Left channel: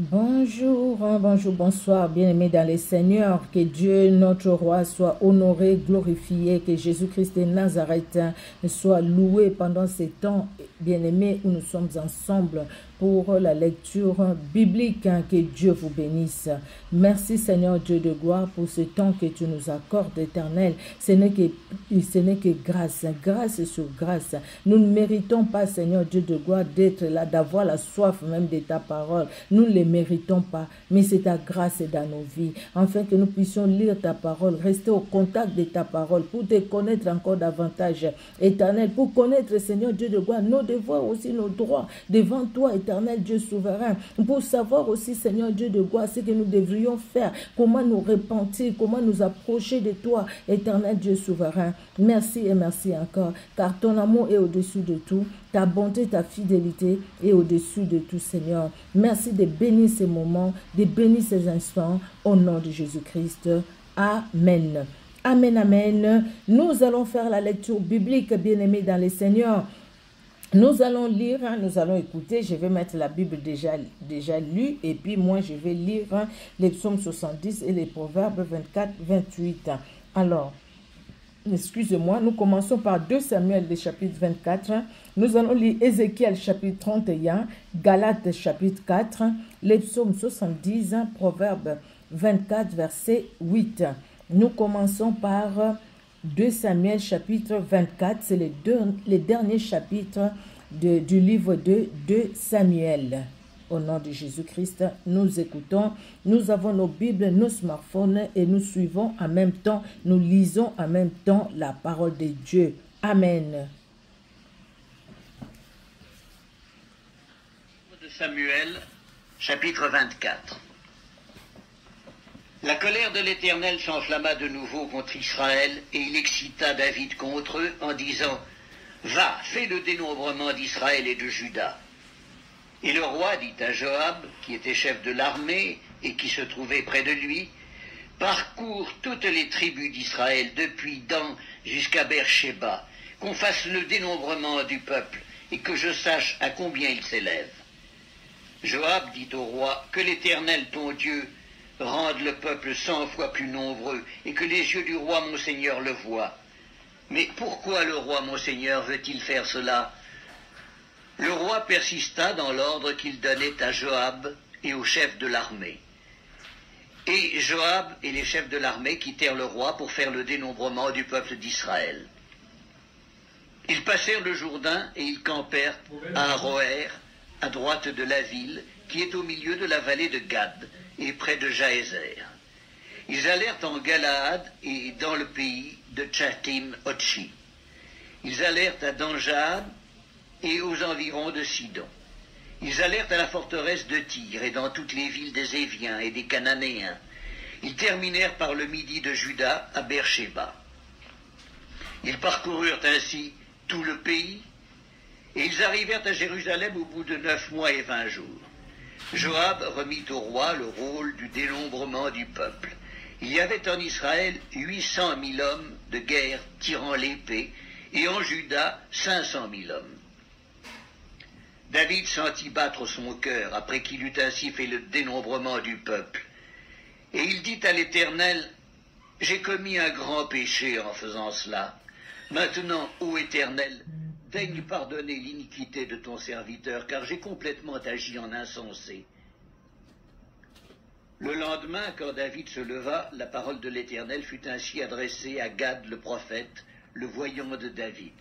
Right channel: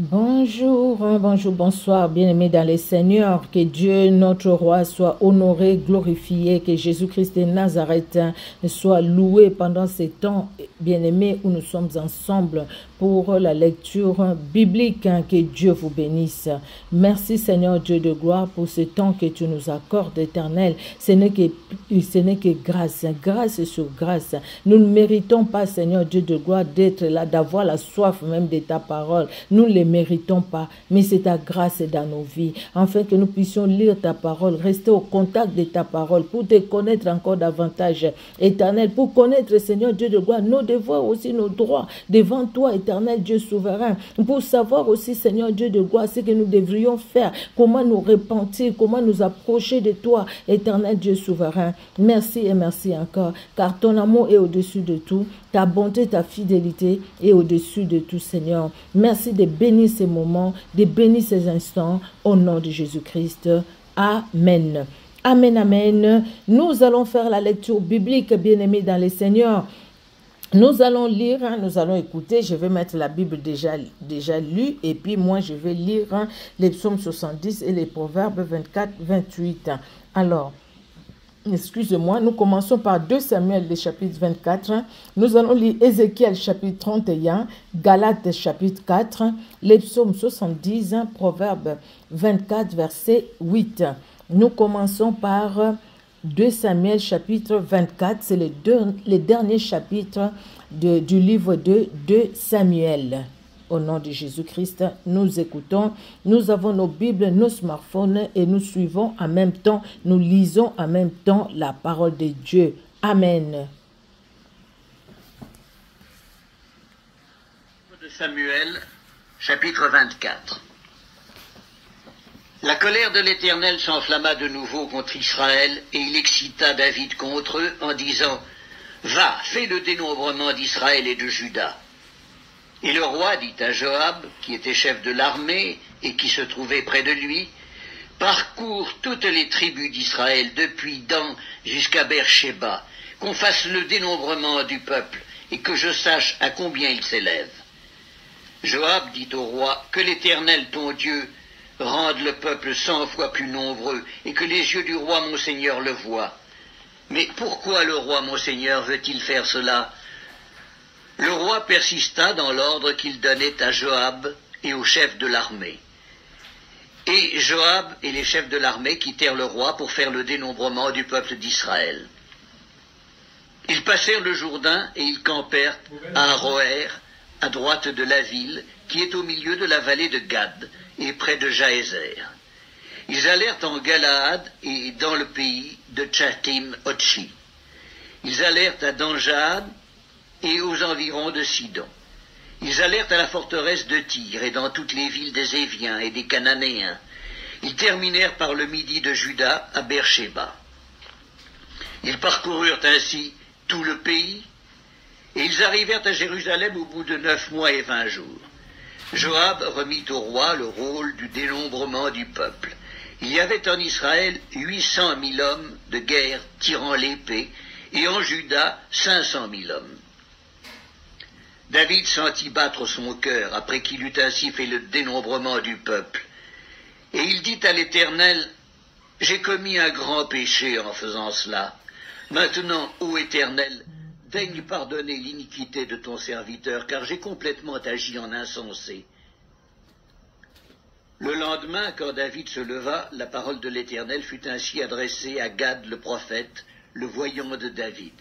Bonjour, bonjour, bonsoir, bien-aimés dans les Seigneurs. Que Dieu, notre roi, soit honoré, glorifié, que Jésus-Christ de Nazareth soit loué pendant ces temps, bien-aimés, où nous sommes ensemble pour la lecture biblique. Que Dieu vous bénisse. Merci, Seigneur Dieu de gloire, pour ce temps que tu nous accordes, éternel. Ce n'est que grâce, grâce sur grâce. Nous ne méritons pas, Seigneur Dieu de gloire, d'être là, d'avoir la soif même de ta parole. Nous ne les méritons pas, mais c'est ta grâce dans nos vies, afin que nous puissions lire ta parole, rester au contact de ta parole, pour te connaître encore davantage, éternel, pour connaître, Seigneur Dieu de gloire, nos devoirs aussi, nos droits devant toi, éternel Dieu souverain, pour savoir aussi, Seigneur Dieu de gloire, ce que nous devrions faire, comment nous repentir, comment nous approcher de toi, éternel Dieu souverain. Merci et merci encore, car ton amour est au-dessus de tout, ta bonté, ta fidélité est au-dessus de tout, Seigneur. Merci de bénir ces moments, de bénir ces instants, au nom de Jésus-Christ. Amen. Amen, amen. Nous allons faire la lecture biblique, bien-aimés dans les Seigneurs. Nous allons lire, nous allons écouter, je vais mettre la Bible déjà lue, et puis moi je vais lire les psaumes 70 et les proverbes 24, 28. Alors, excusez-moi, nous commençons par 2 Samuel, le chapitre 24. Nous allons lire Ézéchiel, chapitre 31, Galates, chapitre 4, les psaumes 70, Proverbes 24, verset 8. Nous commençons par 2 Samuel, chapitre 24. C'est le dernier chapitre du livre de 2 Samuel. Au nom de Jésus-Christ, nous écoutons, nous avons nos Bibles, nos smartphones et nous suivons en même temps, nous lisons en même temps la parole de Dieu. Amen. De Samuel, chapitre 24. La colère de l'Éternel s'enflamma de nouveau contre Israël et il excita David contre eux en disant « Va, fais le dénombrement d'Israël et de Juda. » Et le roi dit à Joab, qui était chef de l'armée et qui se trouvait près de lui, « Parcours toutes les tribus d'Israël depuis Dan jusqu'à Beersheba, qu'on fasse le dénombrement du peuple et que je sache à combien il s'élève. » Joab dit au roi, « Que l'Éternel ton Dieu rende le peuple 100 fois plus nombreux et que les yeux du roi mon seigneur le voient. Mais pourquoi le roi mon seigneur veut-il faire cela ?» Le roi persista dans l'ordre qu'il donnait à Joab et aux chefs de l'armée. Et Joab et les chefs de l'armée quittèrent le roi pour faire le dénombrement du peuple d'Israël. Ils passèrent le Jourdain et ils campèrent à Aroër, à droite de la ville, qui est au milieu de la vallée de Gad et près de Jaézer. Ils allèrent en Galaad et dans le pays de Tchatim-Otchi. Ils allèrent à Danjab et aux environs de Sidon. Ils allèrent à la forteresse de Tyr et dans toutes les villes des Éviens et des Cananéens. Ils terminèrent par le midi de Juda à Beersheba. Ils parcoururent ainsi tout le pays et ils arrivèrent à Jérusalem au bout de 9 mois et 20 jours. Joab remit au roi le rôle du dénombrement du peuple. Il y avait en Israël 800 000 hommes de guerre tirant l'épée et en Juda 500 000 hommes. David sentit battre son cœur après qu'il eut ainsi fait le dénombrement du peuple. Et il dit à l'Éternel, « J'ai commis un grand péché en faisant cela. Maintenant, ô Éternel, daigne pardonner l'iniquité de ton serviteur, car j'ai complètement agi en insensé. » Le lendemain, quand David se leva, la parole de l'Éternel fut ainsi adressée à Gad le prophète, le voyant de David.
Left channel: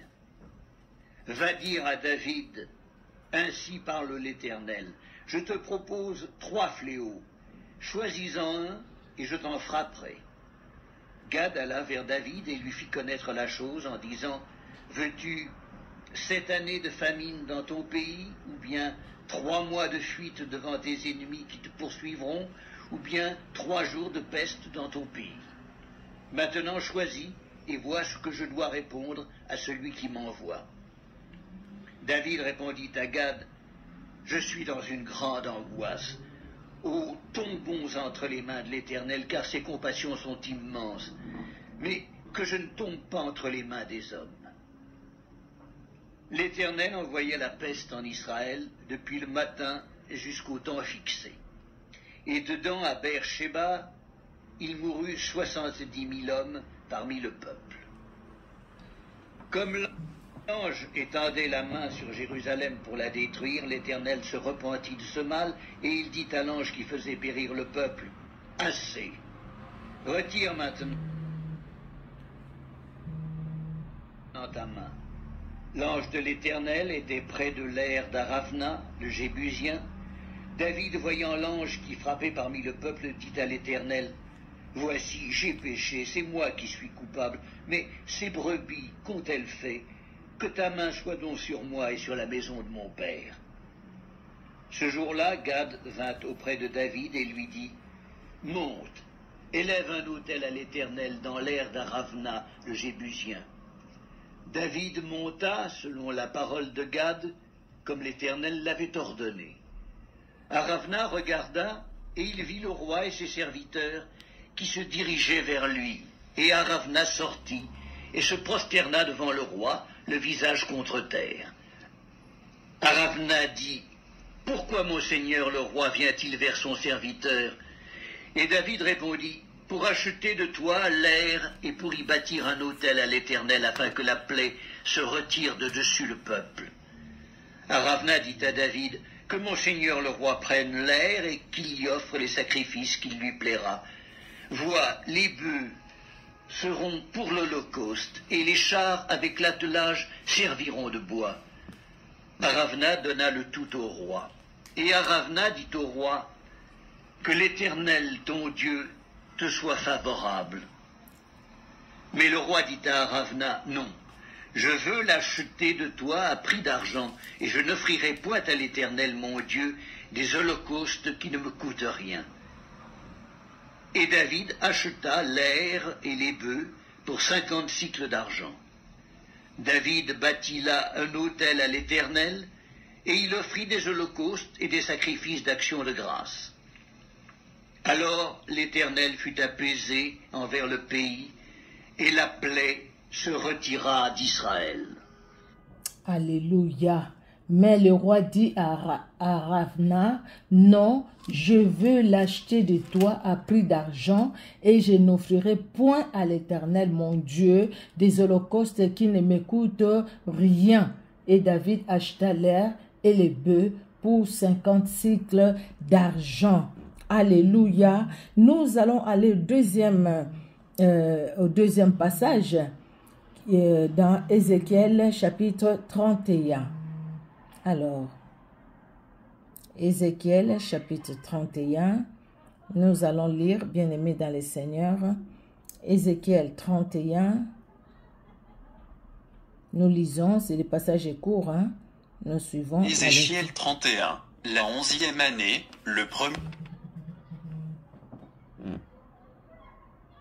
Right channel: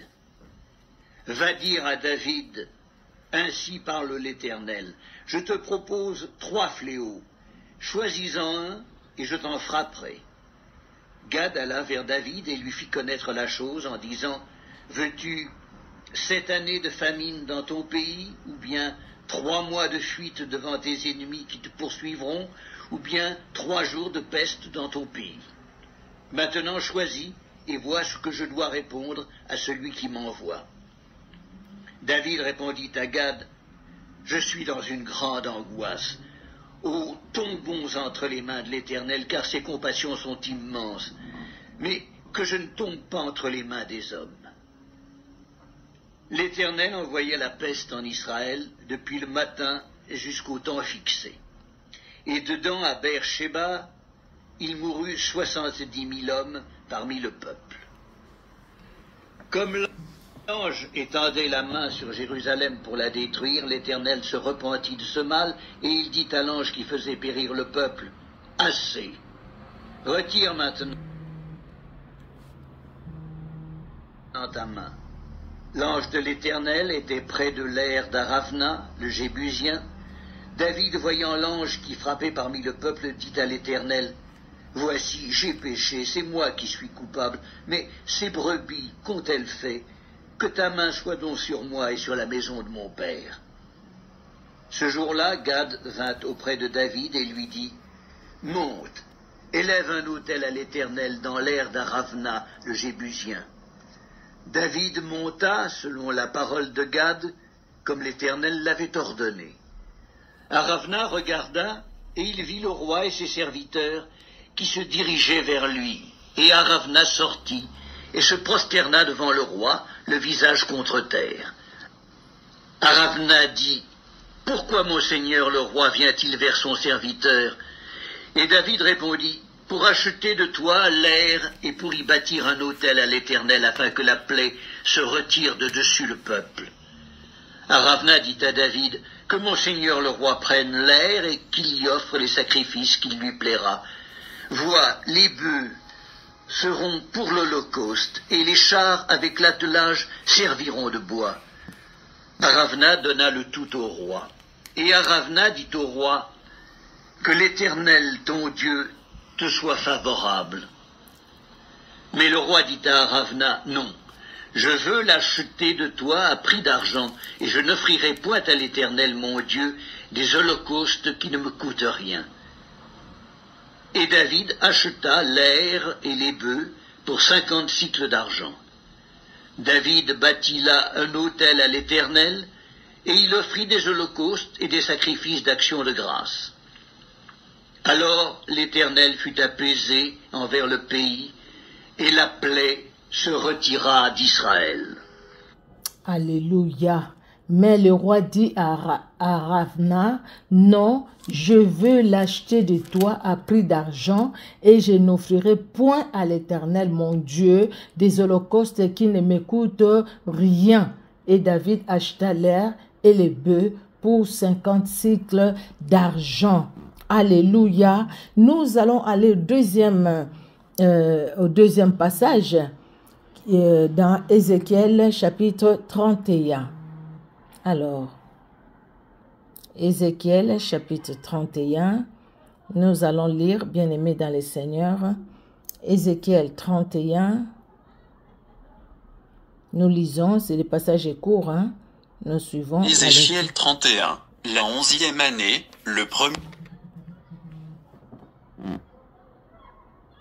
« Va dire à David, ainsi parle l'Éternel, je te propose 3 fléaux, choisis-en un et je t'en frapperai. » Gad alla vers David et lui fit connaître la chose en disant, « Veux-tu 7 années de famine dans ton pays, ou bien 3 mois de fuite devant tes ennemis qui te poursuivront, ou bien 3 jours de peste dans ton pays? Maintenant choisis et vois ce que je dois répondre à celui qui m'envoie. » David répondit à Gad, « Je suis dans une grande angoisse. Oh, tombons entre les mains de l'Éternel, car ses compassions sont immenses, mais que je ne tombe pas entre les mains des hommes. » L'Éternel envoya la peste en Israël depuis le matin jusqu'au temps fixé. et dedans, à Beersheba, il mourut 70 000 hommes parmi le peuple. Comme l'ange étendait la main sur Jérusalem pour la détruire, l'Éternel se repentit de ce mal, et il dit à l'ange qui faisait périr le peuple, « Assez, retire maintenant ta main. » L'ange de l'Éternel était près de l'aire d'Aravna, le Jébusien. David, voyant l'ange qui frappait parmi le peuple, dit à l'Éternel, « Voici, j'ai péché, c'est moi qui suis coupable, mais ces brebis qu'ont-elles fait? Que ta main soit donc sur moi et sur la maison de mon père. » Ce jour-là, Gad vint auprès de David et lui dit, « Monte, élève un autel à l'Éternel dans l'aire d'Aravna, le Jébusien. » David monta, selon la parole de Gad, comme l'Éternel l'avait ordonné. Aravna regarda, et il vit le roi et ses serviteurs qui se dirigeaient vers lui. Et Aravna sortit, et se prosterna devant le roi, le visage contre terre. Aravna dit, « Pourquoi mon seigneur le roi vient-il vers son serviteur ?» Et David répondit, « Pour acheter de toi l'air et pour y bâtir un autel à l'Éternel afin que la plaie se retire de dessus le peuple. » Aravna dit à David, « Que mon seigneur le roi prenne l'air et qu'il y offre les sacrifices qu'il lui plaira. Vois, les bœufs seront pour l'holocauste, et les chars avec l'attelage serviront de bois. » Aravna donna le tout au roi. Et Aravna dit au roi, « Que l'Éternel, ton Dieu, te soit favorable. » Mais le roi dit à Aravna, « Non, je veux l'acheter de toi à prix d'argent, et je n'offrirai point à l'Éternel, mon Dieu, des holocaustes qui ne me coûtent rien. » Et David acheta l'air et les bœufs pour 50 cycles d'argent. David bâtit là un autel à l'Éternel, et il offrit des holocaustes et des sacrifices d'action de grâce. Alors l'Éternel fut apaisé envers le pays, et la plaie se retira d'Israël. Alléluia. Mais le roi dit à Aravna, « Non, je veux l'acheter de toi à prix d'argent, et je n'offrirai point à l'Éternel mon Dieu des holocaustes qui ne me coûtent rien. » Et David acheta l'air et les bœufs pour 50 cycles d'argent. Alléluia. Nous allons aller au deuxième passage dans Ézéchiel chapitre 31. Alors, Ézéchiel chapitre 31, nous allons lire, bien-aimés dans le Seigneur, Ézéchiel 31, nous lisons, c'est le passage est court, hein? Nous suivons. Ézéchiel 31, la 11e année, le premier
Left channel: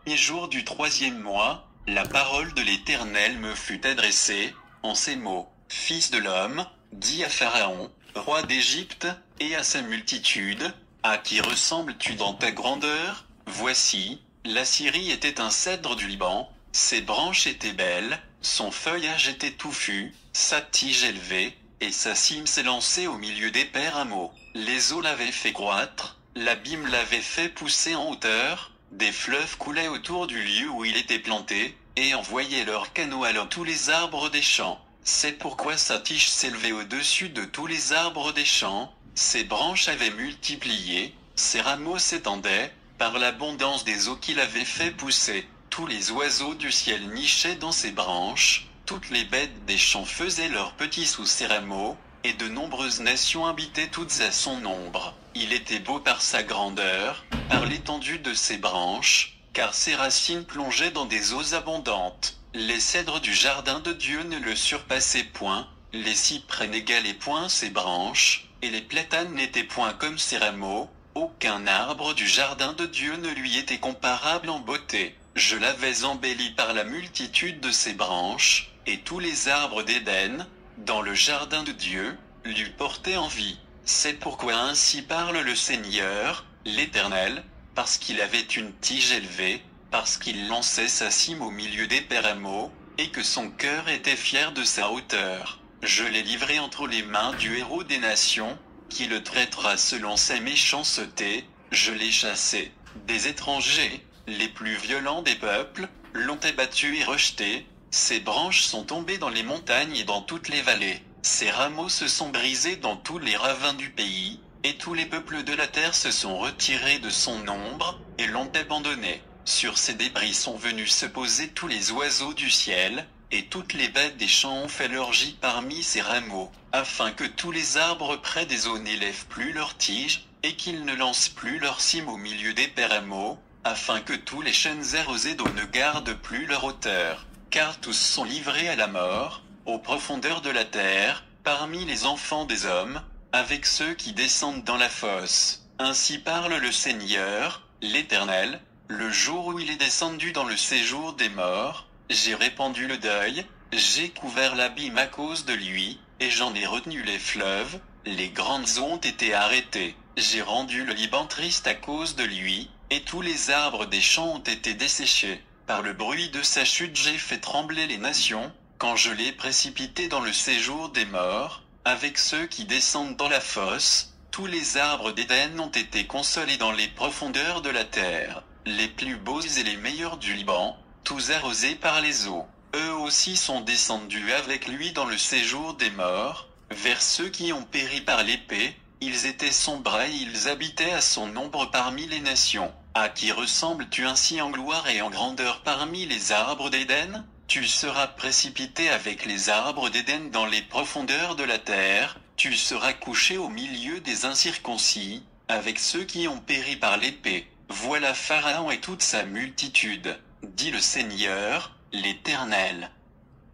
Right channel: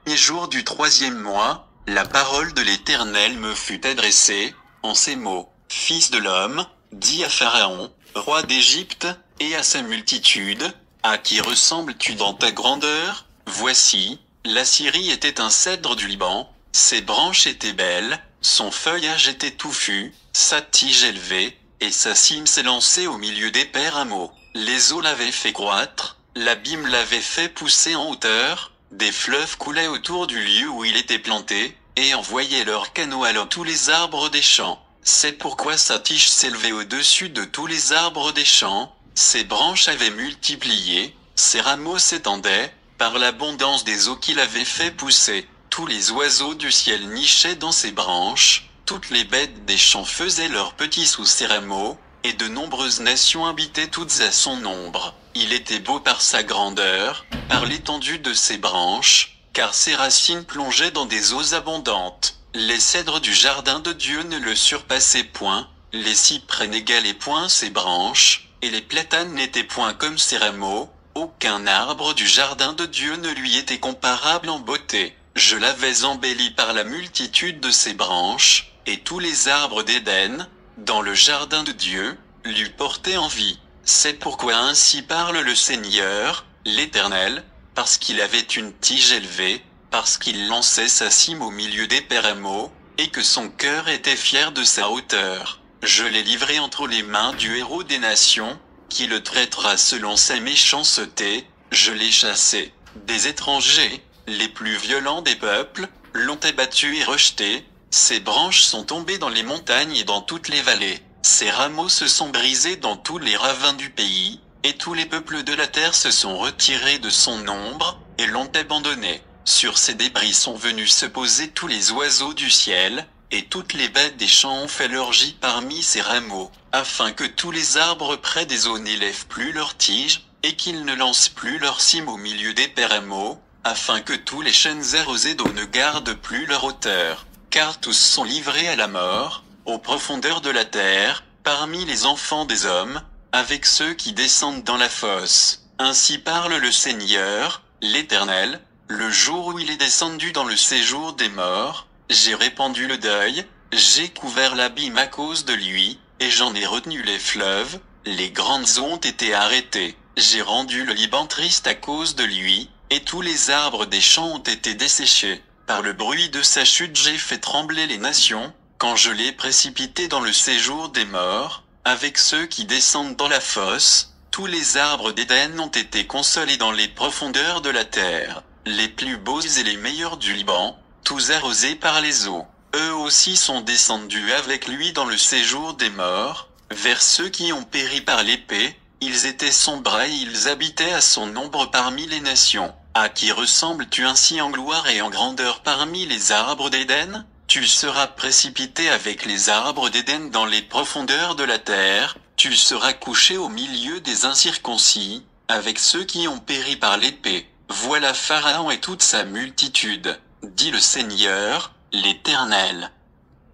jour du 3e mois, la parole de l'Éternel me fut adressée, en ces mots, « Fils de l'homme, dis à Pharaon, roi d'Égypte, et à sa multitude, à qui ressembles-tu dans ta grandeur? Voici, la Syrie était un cèdre du Liban, ses branches étaient belles, son feuillage était touffu, sa tige élevée, et sa cime s'élançait au milieu d'épais rameaux. Les eaux l'avaient fait croître, l'abîme l'avait fait pousser en hauteur, des fleuves coulaient autour du lieu où il était planté, et envoyaient leurs canaux à tous les arbres des champs. C'est pourquoi sa tige s'élevait au-dessus de tous les arbres des champs, ses branches avaient multiplié, ses rameaux s'étendaient, par l'abondance des eaux qu'il avait fait pousser. Tous les oiseaux du ciel nichaient dans ses branches, toutes les bêtes des champs faisaient leurs petits sous ses rameaux, et de nombreuses nations habitaient toutes à son ombre. Il était beau par sa grandeur, par l'étendue de ses branches, car ses racines plongeaient dans des eaux abondantes. Les cèdres du jardin de Dieu ne le surpassaient point, les cyprès n'égalaient point ses branches, et les platanes n'étaient point comme ses rameaux, aucun arbre du jardin de Dieu ne lui était comparable en beauté. Je l'avais embelli par la multitude de ses branches, et tous les arbres d'Éden, dans le jardin de Dieu, lui portaient envie. C'est pourquoi ainsi parle le Seigneur, l'Éternel, parce qu'il avait une tige élevée, parce qu'il lançait sa cime au milieu des rameaux, et que son cœur était fier de sa hauteur. Je l'ai livré entre les mains du héros des nations, qui le traitera selon sa méchanceté. Je l'ai chassé. Des étrangers, les plus violents des peuples, l'ont abattu et rejeté. Ses branches sont tombées dans les montagnes et dans toutes les vallées. Ses rameaux se sont brisés dans tous les ravins du pays, et tous les peuples de la terre se sont retirés de son ombre, et l'ont abandonné. Sur ses débris sont venus se poser tous les oiseaux du ciel, et toutes les bêtes des champs ont fait leur gîte parmi ses rameaux, afin que tous les arbres près des eaux n'élèvent plus leurs tiges, et qu'ils ne lancent plus leurs cimes au milieu des pérameaux, afin que tous les chênes arrosés d'eau ne gardent plus leur hauteur, car tous sont livrés à la mort, aux profondeurs de la terre, parmi les enfants des hommes, avec ceux qui descendent dans la fosse. Ainsi parle le Seigneur, l'Éternel, le jour où il est descendu dans le séjour des morts, j'ai répandu le deuil, j'ai couvert l'abîme à cause de lui, et j'en ai retenu les fleuves, les grandes eaux ont été arrêtées, j'ai rendu le Liban triste à cause de lui, et tous les arbres des champs ont été desséchés. Par le bruit de sa chute j'ai fait trembler les nations, quand je l'ai précipité dans le séjour des morts, avec ceux qui descendent dans la fosse, tous les arbres d'Éden ont été consolés dans les profondeurs de la terre, les plus beaux et les meilleurs du Liban, tous arrosés par les eaux. Eux aussi sont descendus avec lui dans le séjour des morts, vers ceux qui ont péri par l'épée, ils étaient sombres et ils habitaient à son ombre parmi les nations. À qui ressembles-tu ainsi en gloire et en grandeur parmi les arbres d'Éden? Tu seras précipité avec les arbres d'Éden dans les profondeurs de la terre, tu seras couché au milieu des incirconcis, avec ceux qui ont péri par l'épée. Voilà Pharaon et toute sa multitude, dit le Seigneur, l'Éternel.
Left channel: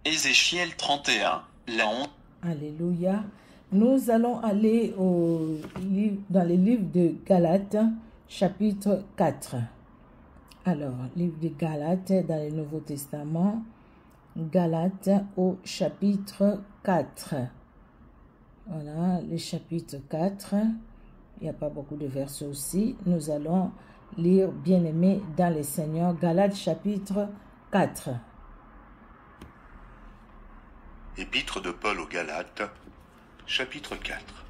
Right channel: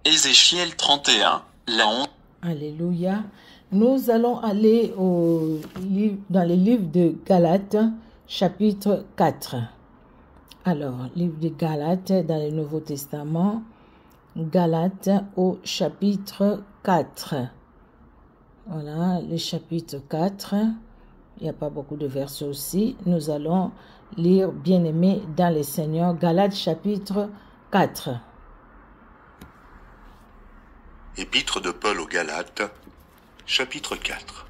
Ézéchiel 31, la honte. Alléluia. Nous allons aller dans le livre de Galates, chapitre 4. Alors, livre de Galates dans le Nouveau Testament, Galates au chapitre 4. Voilà, le chapitre 4. Il n'y a pas beaucoup de versets aussi. Nous allons lire, bien-aimés dans le Seigneur, Galates chapitre 4. Épître de Paul aux Galates, chapitre 4.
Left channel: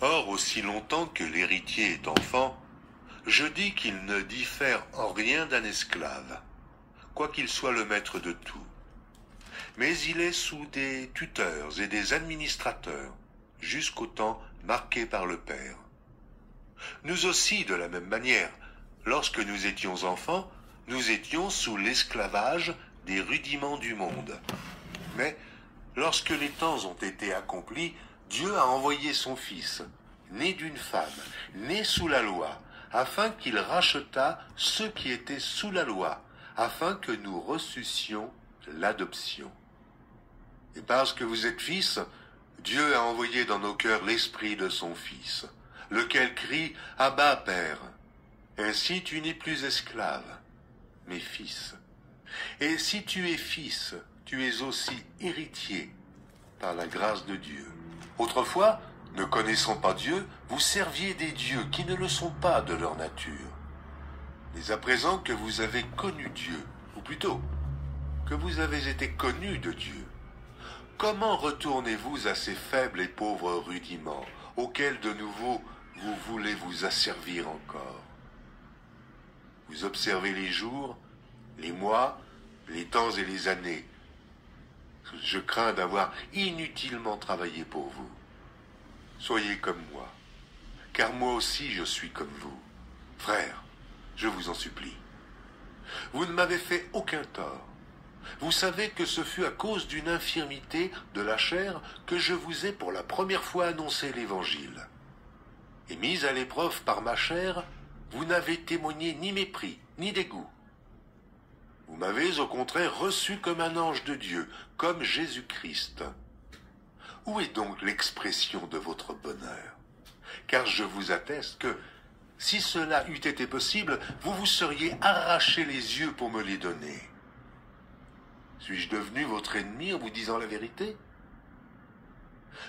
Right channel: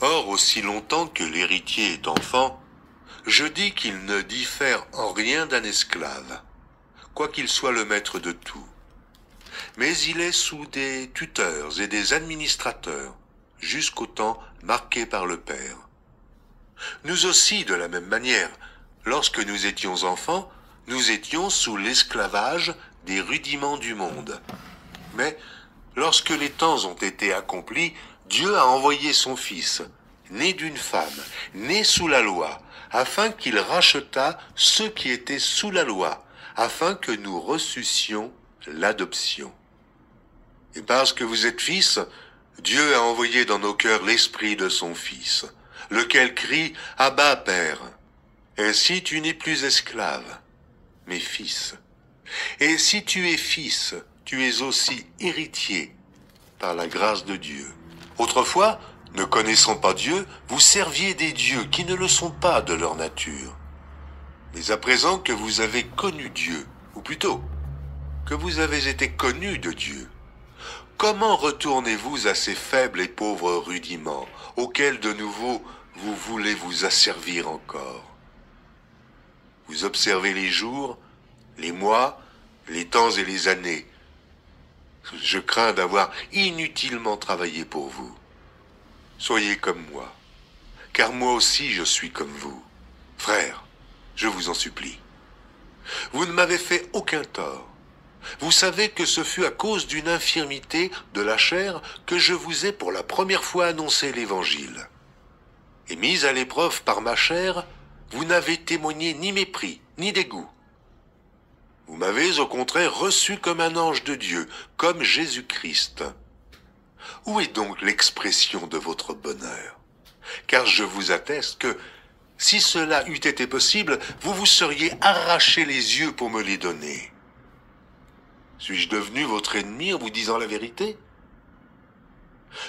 Or, aussi longtemps que l'héritier est enfant, je dis qu'il ne diffère en rien d'un esclave, quoiqu'il soit le maître de tout. Mais il est sous des tuteurs et des administrateurs, jusqu'au temps marqué par le Père. Nous aussi, de la même manière, lorsque nous étions enfants, nous étions sous l'esclavage des rudiments du monde. Mais, lorsque les temps ont été accomplis, Dieu a envoyé son Fils, né d'une femme, né sous la loi, afin qu'il rachetât ceux qui étaient sous la loi, afin que nous reçussions l'adoption. Et parce que vous êtes fils, Dieu a envoyé dans nos cœurs l'esprit de son Fils, lequel crie « Abba, Père ». Ainsi tu n'es plus esclave, mais fils. Et si tu es fils, tu es aussi héritier par la grâce de Dieu. Autrefois, ne connaissant pas Dieu, vous serviez des dieux qui ne le sont pas de leur nature. Mais à présent que vous avez connu Dieu, ou plutôt, que vous avez été connus de Dieu, comment retournez-vous à ces faibles et pauvres rudiments, auxquels de nouveau vous voulez vous asservir encore? Vous observez les jours, les mois, les temps et les années. Je crains d'avoir inutilement travaillé pour vous. Soyez comme moi, car moi aussi je suis comme vous. Frères, je vous en supplie. Vous ne m'avez fait aucun tort. Vous savez que ce fut à cause d'une infirmité de la chair que je vous ai pour la première fois annoncé l'Évangile. Et mis à l'épreuve par ma chair, vous n'avez témoigné ni mépris, ni dégoût. Vous m'avez au contraire reçu comme un ange de Dieu, comme Jésus-Christ. Où est donc l'expression de votre bonheur? Car je vous atteste que, si cela eût été possible, vous vous seriez arraché les yeux pour me les donner. Suis-je devenu votre ennemi en vous disant la vérité?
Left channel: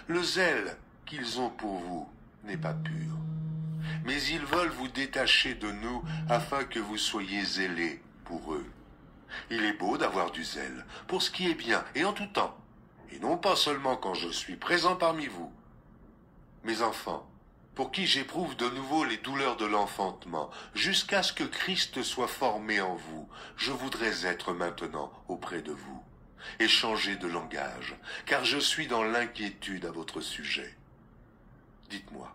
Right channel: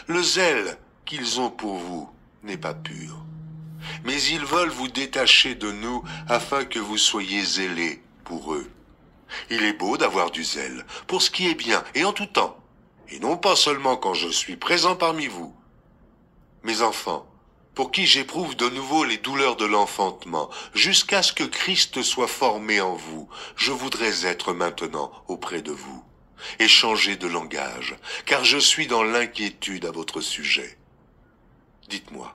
Le zèle qu'ils ont pour vous n'est pas pur, mais ils veulent vous détacher de nous afin que vous soyez zélés pour eux. Il est beau d'avoir du zèle pour ce qui est bien et en tout temps, et non pas seulement quand je suis présent parmi vous. Mes enfants, pour qui j'éprouve de nouveau les douleurs de l'enfantement, jusqu'à ce que Christ soit formé en vous, je voudrais être maintenant auprès de vous, et changer de langage, car je suis dans l'inquiétude à votre sujet. Dites-moi,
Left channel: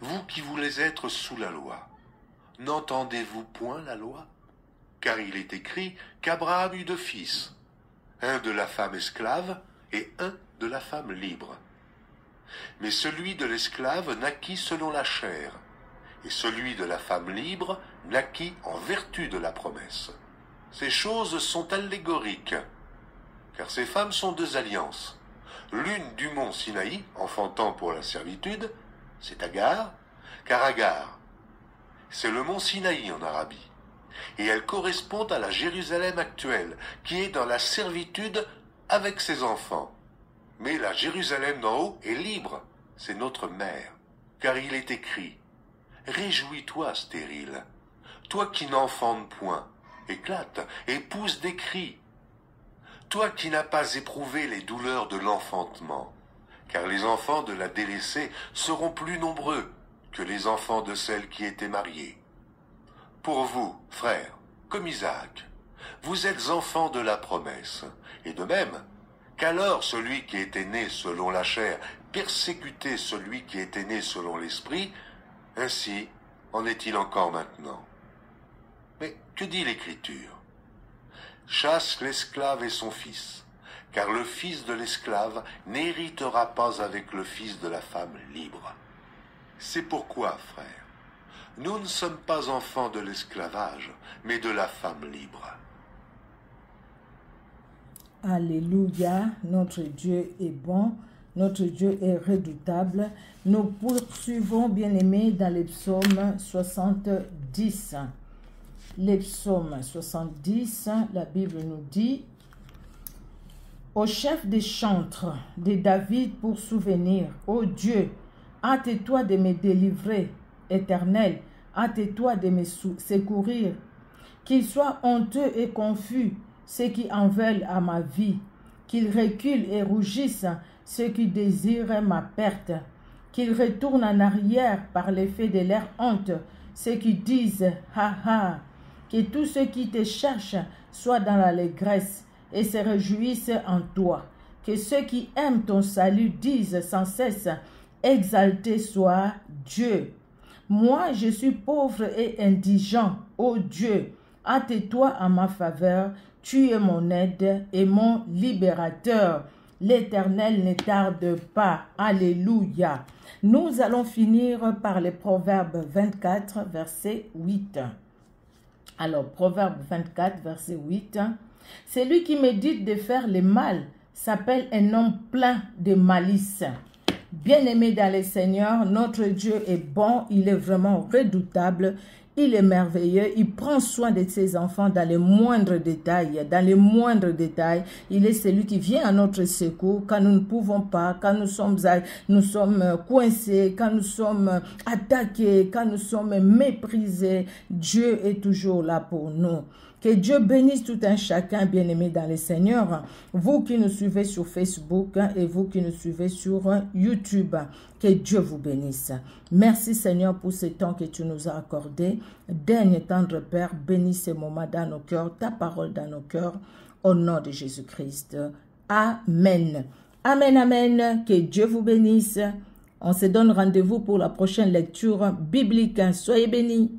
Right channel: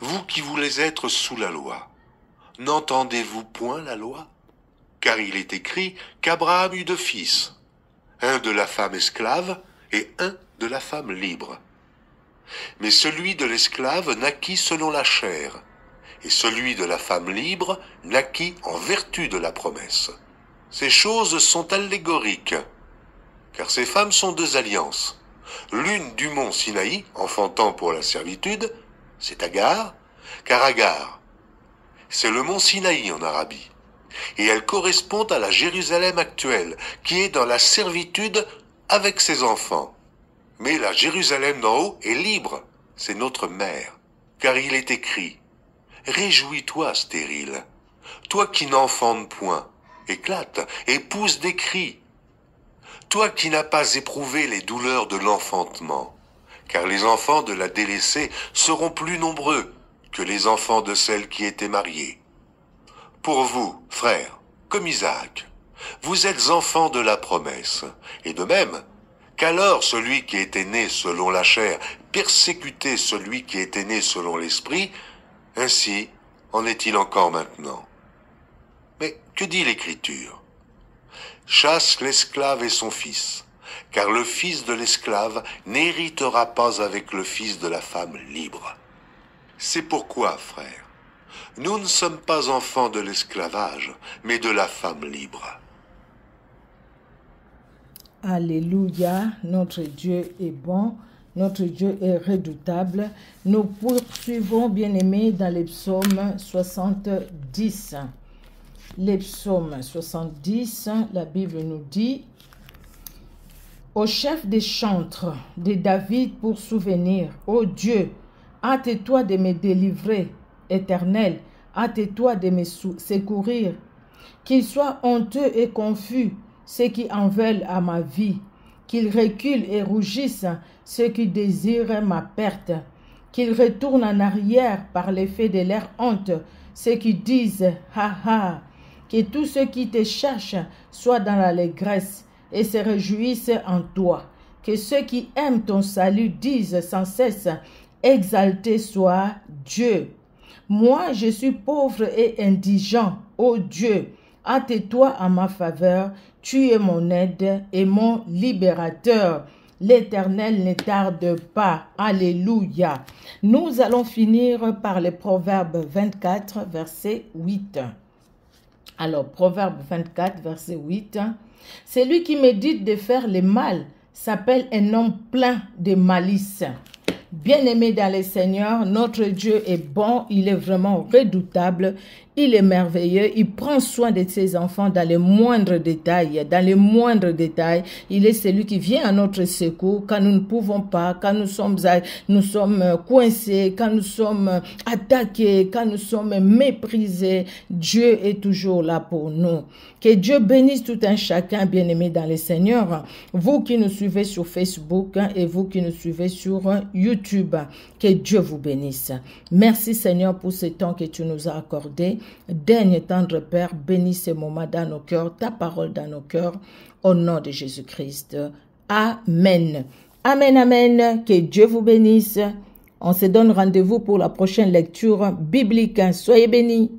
vous qui voulez être sous la loi, n'entendez-vous point la loi? Car il est écrit qu'Abraham eut deux fils, un de la femme esclave et un de la femme libre. Mais celui de l'esclave naquit selon la chair, et celui de la femme libre naquit en vertu de la promesse. Ces choses sont allégoriques, car ces femmes sont deux alliances. L'une du mont Sinaï, enfantant pour la servitude, c'est Agar, car Agar, c'est le mont Sinaï en Arabie, et elle correspond à la Jérusalem actuelle, qui est dans la servitude avec ses enfants. Mais la Jérusalem d'en haut est libre, c'est notre mère, car il est écrit « Réjouis-toi, stérile, toi qui n'enfantes point, éclate et pousse des cris, toi qui n'as pas éprouvé les douleurs de l'enfantement, car les enfants de la délaissée seront plus nombreux que les enfants de celle qui était mariée. Pour vous, frères, comme Isaac, vous êtes enfants de la promesse, et de même, qu'alors celui qui était né selon la chair persécutait celui qui était né selon l'esprit, ainsi en est-il encore maintenant. Mais que dit l'Écriture? Chasse l'esclave et son fils, car le fils de l'esclave n'héritera pas avec le fils de la femme libre. C'est pourquoi, frères, nous ne sommes pas enfants de l'esclavage, mais de la femme libre. Alléluia, notre Dieu est bon, notre Dieu est redoutable. Nous poursuivons, bien-aimés, dans les psaumes 70. Les psaumes 70, la Bible nous dit « Au chef des chantres de David pour souvenir, ô Dieu, hâte-toi de me délivrer, Éternel, hâte-toi de me secourir. Qu'ils soient honteux et confus ceux qui en veulent à ma vie, qu'ils reculent et rougissent ceux qui désirent ma perte, qu'ils retournent en arrière par l'effet de leur honte, ceux qui disent « Ha ha !» Que tous ceux qui te cherchent soient dans l'allégresse et se réjouissent en toi. Que ceux qui aiment ton salut disent sans cesse « Exalté soit Dieu !» Moi, je suis pauvre et indigent, ô Dieu, hâte-toi à ma faveur, tu es mon aide et mon libérateur. L'Éternel ne tarde pas. Alléluia. Nous allons finir par les Proverbes 24, verset 8. Alors, Proverbe 24, verset 8. Celui qui médite de faire le mal s'appelle un homme plein de malice. Bien-aimé dans le Seigneur, notre Dieu est bon, il est vraiment redoutable, il est merveilleux, il prend soin de ses enfants dans les moindres détails. Dans les moindres détails, il est celui qui vient à notre secours quand nous ne pouvons pas, quand nous sommes coincés, quand nous sommes attaqués, quand nous sommes méprisés. Dieu est toujours là pour nous. Que Dieu bénisse tout un chacun, bien-aimé dans le Seigneur. Vous qui nous suivez sur Facebook et vous qui nous suivez sur YouTube, que Dieu vous bénisse. Merci Seigneur pour ce temps que tu nous as accordé. Daigne, tendre Père, bénis ce moment dans nos cœurs, ta parole dans nos cœurs, au nom de Jésus-Christ. Amen. Amen, amen. Que Dieu vous bénisse. On se donne rendez-vous pour la prochaine lecture biblique. Soyez bénis.